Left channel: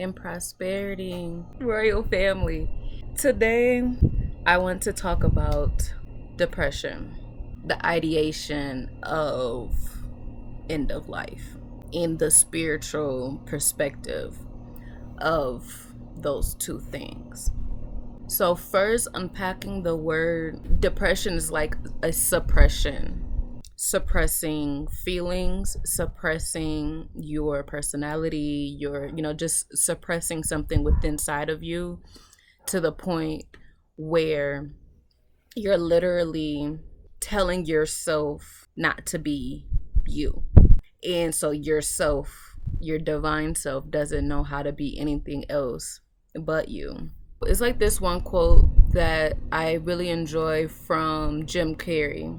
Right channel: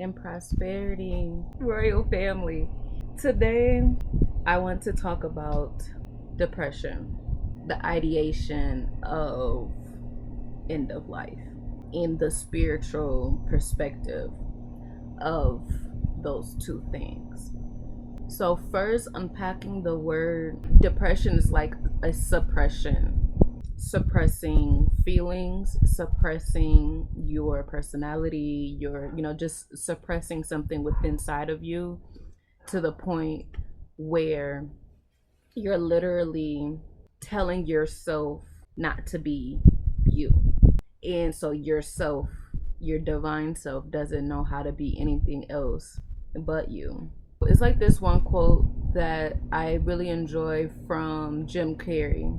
and prosperity, royal family. Today, I want to talk about depression, the ideation of end of life, in the spiritual perspective of those two things. So, first, unpacking the word depression is like a suppression, suppressing feelings, suppressing your personality, just suppressing something within inside of you to the point where you're literally telling yourself not to be you. And so yourself, your divine self, doesn't know how to be anything else but you. It's like this one quote that I really enjoy from Jim Carrey.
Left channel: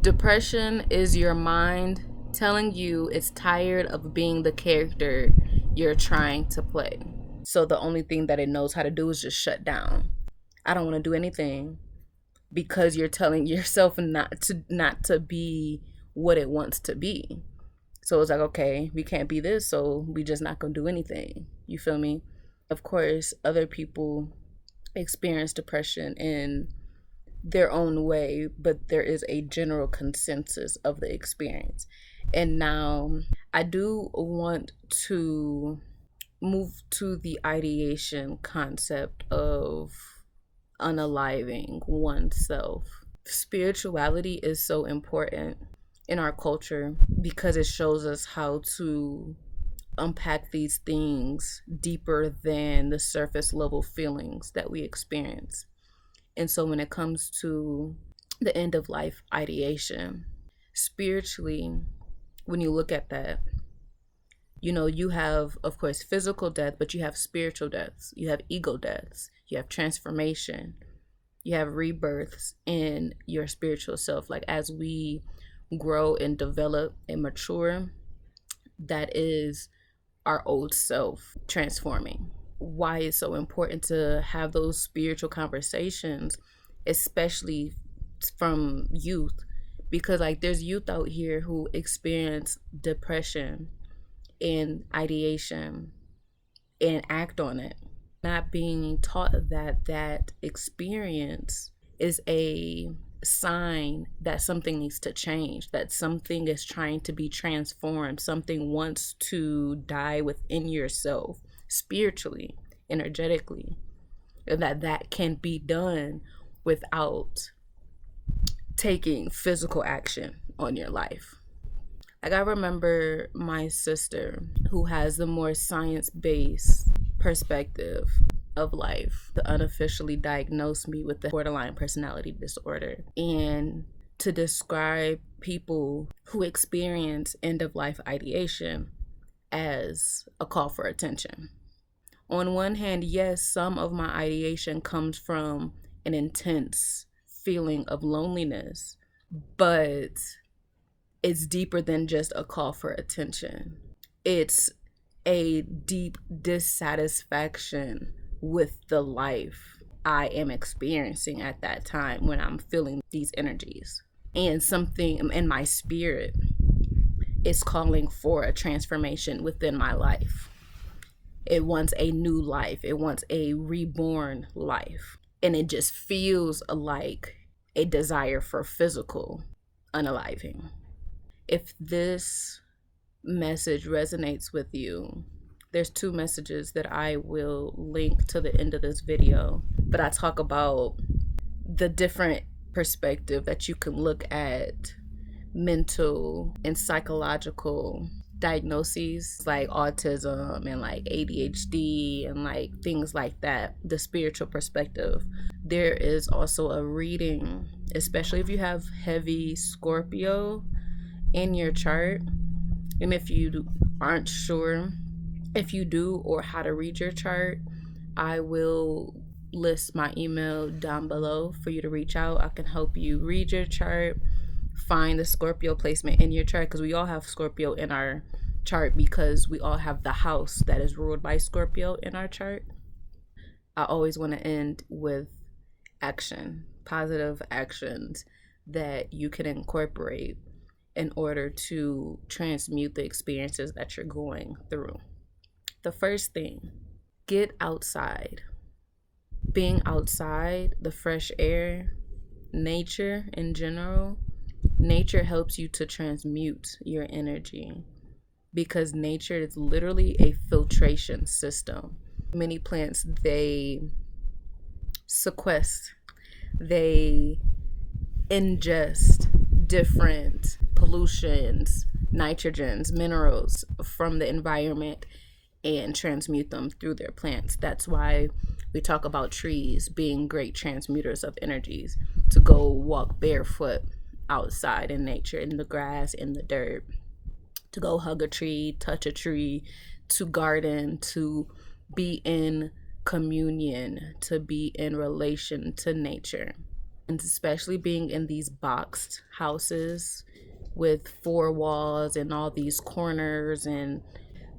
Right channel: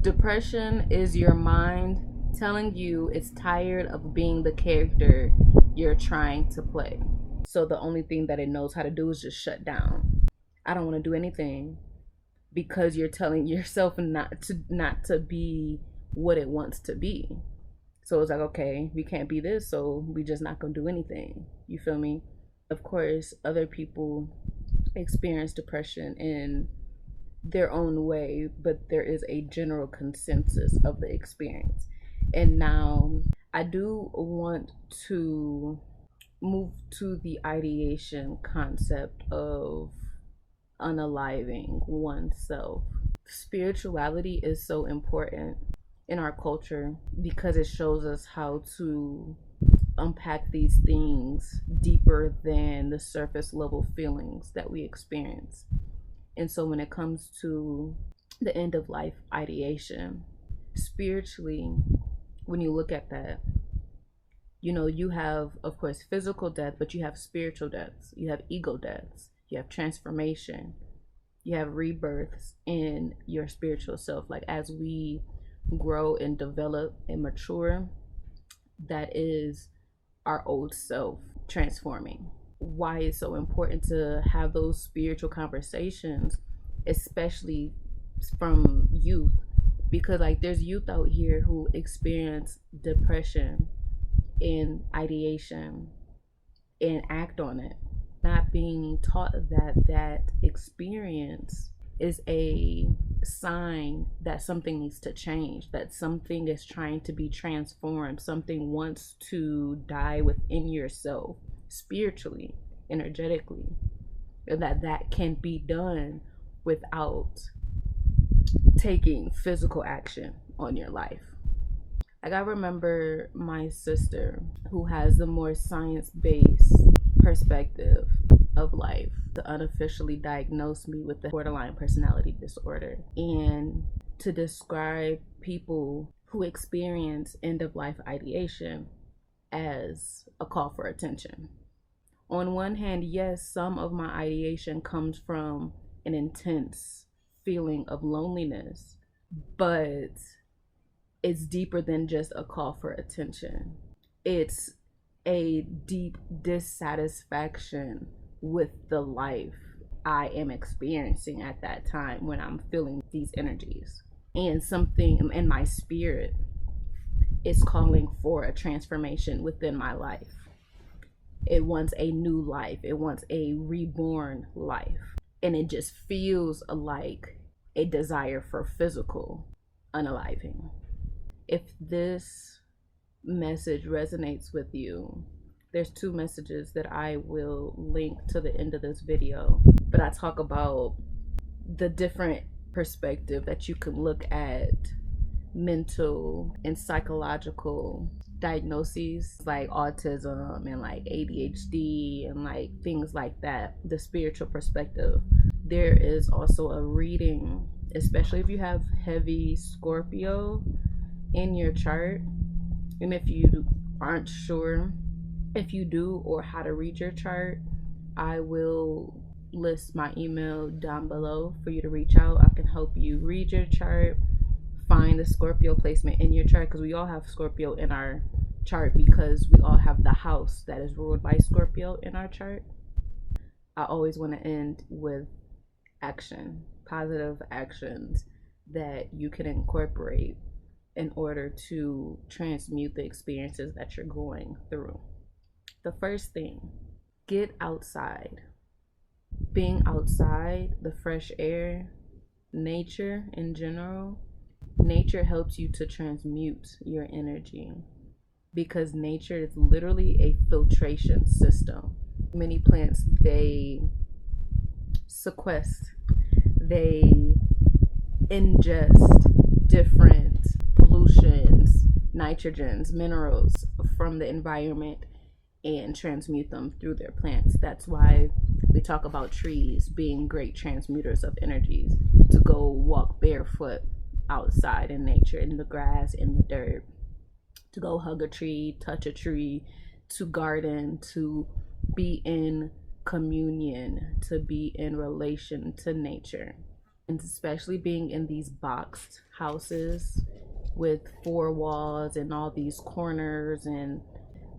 Depression is your mind telling you it's tired of being the character you're trying to play. So the only thing that it knows how to do is just shut down. I don't want to do anything because you're telling yourself not to be what it wants to be. So it's like, okay, we can't be this, so we just not gonna do anything. You feel me? Of course, other people experience depression in their own way, but there is a general consensus of the experience. And now I do want to move to the ideation concept of unaliving oneself. Spirituality is so important in our culture because it shows us how to unpack these things deeper than the surface level feelings that we experience. And so when it comes to the end of life ideation, spiritually, when you look at that, you have, of course, physical death, but you have spiritual deaths, you have ego deaths, you have transformation, you have rebirths in your spiritual self. Like as we grow and develop and mature, that is our old self transforming. Why it's so important to have those spiritual conversations, especially from youth, because like there's youth out here who experience depression and ideation and act on it, not being taught that experience is a sign that something needs to change, that something is trying to be transformed, something wants to die within yourself spiritually, energetically, and that can be done without taking physical action on your life. Like I remember my sister, who has the more science-based perspective of life, to unofficially diagnose me with the borderline personality disorder, and to describe people who experience end-of-life ideation as a call for attention. On one hand, yes, some of my ideation comes from an intense feeling of loneliness, but it's deeper than just a call for attention. It's a deep dissatisfaction with the life I am experiencing at that time when I'm feeling these energies. And something in my spirit is calling for a transformation within my life. It wants a new life. It wants a reborn life. And it just feels like a desire for physical unaliving. If this message resonates with you, there's two messages that I will link to the end of this video. But I talk about the different perspective that you can look at mental and psychological diagnoses like autism and like ADHD and like things like that, the spiritual perspective. There is also a reading, especially if you have heavy Scorpio in your chart. And if you aren't sure if you do or how to read your chart, I will list my email down below for you to reach out. I can help you read your chart, find the Scorpio placement in your chart, because we all have Scorpio in our chart because we all have the house that is ruled by Scorpio in our chart. I always want to end with action, positive actions that you can incorporate in order to transmute the experiences that you're going through. The first thing, get outside. Being outside, the fresh air, nature in general, nature helps you to transmute your energy because nature is literally a filtration system. Many plants, they sequester, they ingest different pollutions, nitrogens, minerals from the environment and transmute them through their plants. That's why we talk about trees being great transmuters of energies, to go walk barefoot outside in nature, in the grass, in the dirt, to go hug a tree, touch a tree, to garden, to be in communion, to be in relation to nature. And especially being in these boxed houses with four walls and all these corners, and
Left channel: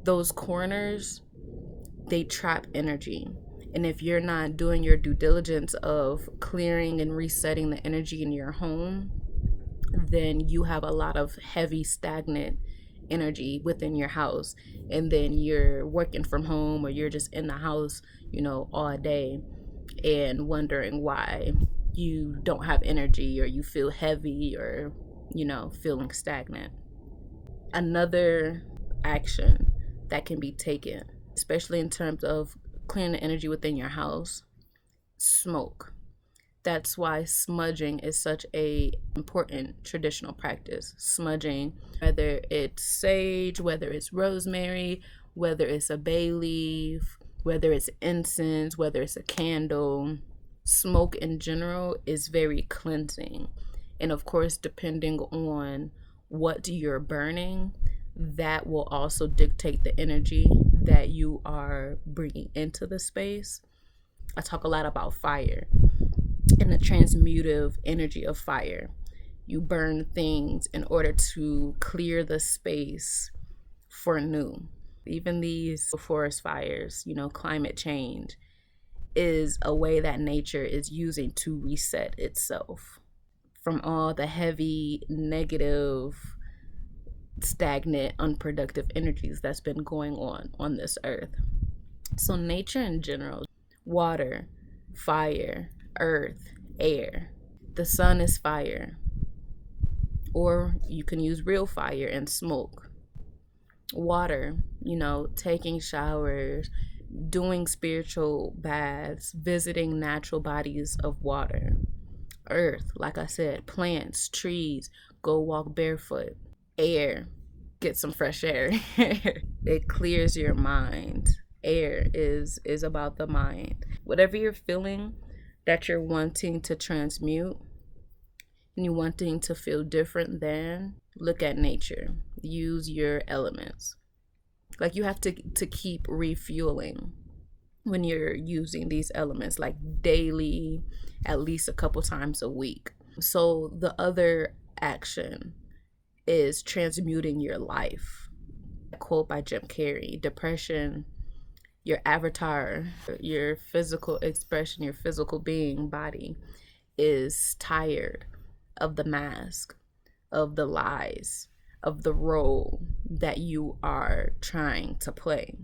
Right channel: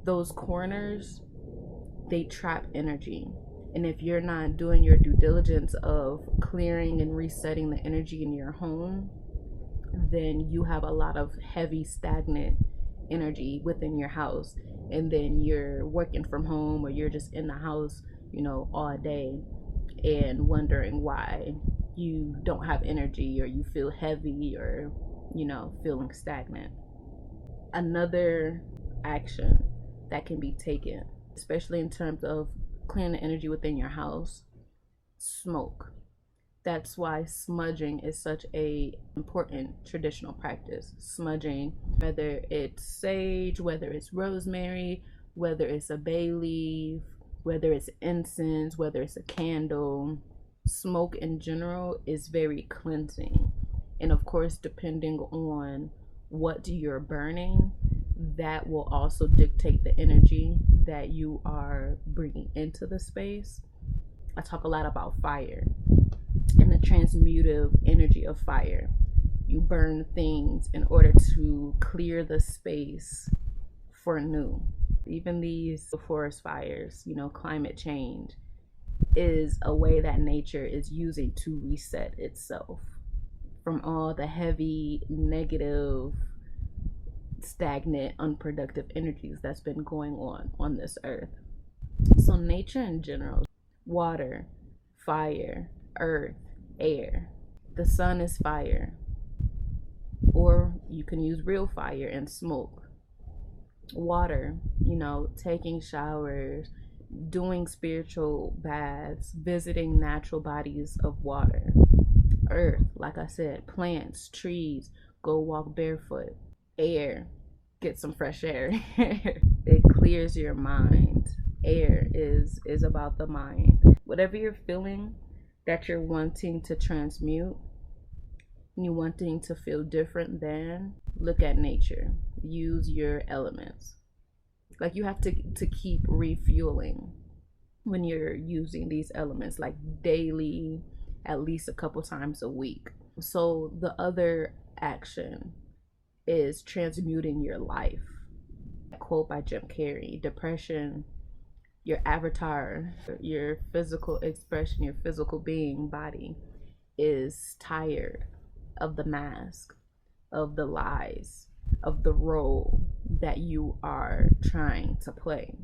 those corners, they trap energy. And if you're not doing your due diligence of clearing and resetting the energy in your home, then you have a lot of heavy, stagnant energy within your house. And then you're working from home, or you're just in the house, all day, and wondering why you don't have energy, or you feel heavy, or, feeling stagnant. Another action that can be taken, especially in terms of clearing the energy within your house, smoke. That's why smudging is such a important traditional practice. Smudging, whether it's sage, whether it's rosemary, whether it's a bay leaf, whether it's incense, whether it's a candle, smoke in general is very cleansing. And of course, depending on what you're burning, that will also dictate the energy that you are bringing into the space. I talk a lot about fire and the transmutive energy of fire. You burn things in order to clear the space for new. Even these forest fires, climate change is a way that nature is using to reset itself from all the heavy, negative, stagnant, unproductive energies that's been going on this earth. So nature in general, water, fire, earth, air. The sun is fire, or you can use real fire and smoke. Water, taking showers, doing spiritual baths, visiting natural bodies of water. Earth, like I said, plants, trees, go walk barefoot. Air, get some fresh air. It clears your mind. Air is about the mind. Whatever you're feeling that you're wanting to transmute, and you wanting to feel different than, look at nature. Use your elements. Like, you have to keep refueling when you're using these elements, like daily, at least a couple times a week. So the other action is transmuting your life. A quote by Jim Carrey: depression, your avatar, your physical expression, your physical being, body, is tired of the mask, of the lies, of the role that you are trying to play.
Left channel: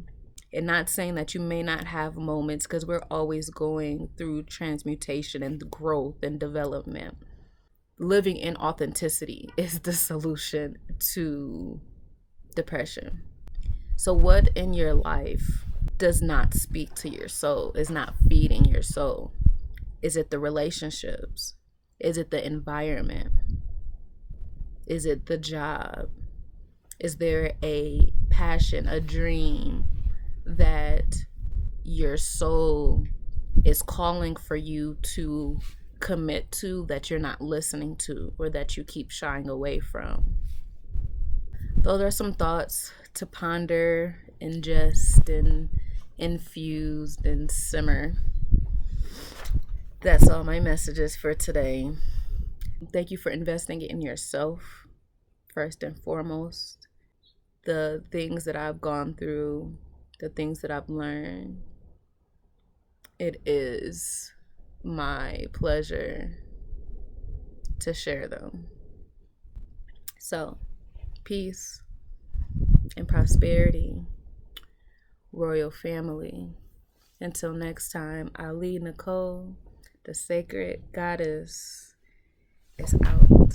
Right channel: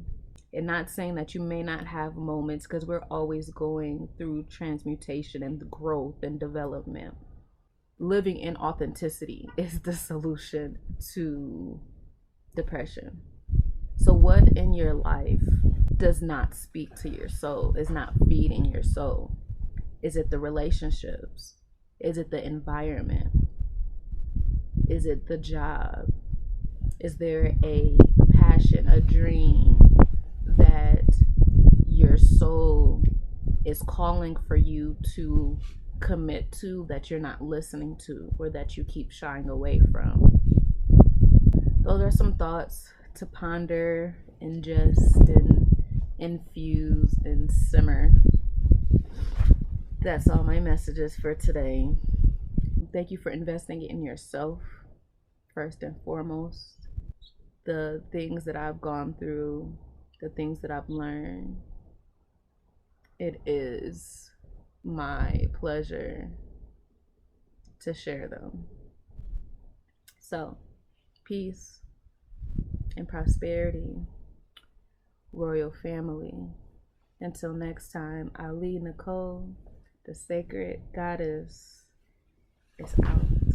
And not saying that you may not have moments, because we're always going through transmutation and growth and development. Living in authenticity is the solution to depression. So what in your life does not speak to your soul, is not feeding your soul? Is it the relationships? Is it the environment? Is it the job? Is there a passion, a dream that your soul is calling for you to commit to, that you're not listening to, or that you keep shying away from? Those are some thoughts to ponder, ingest, and infuse and simmer. That's all my messages for today. Thank you for investing in yourself, first and foremost. The things that I've gone through, the things that I've learned, it is my pleasure to share them. So, peace and prosperity. royal family. Until next time, Ali Nicole, the sacred goddess, is out.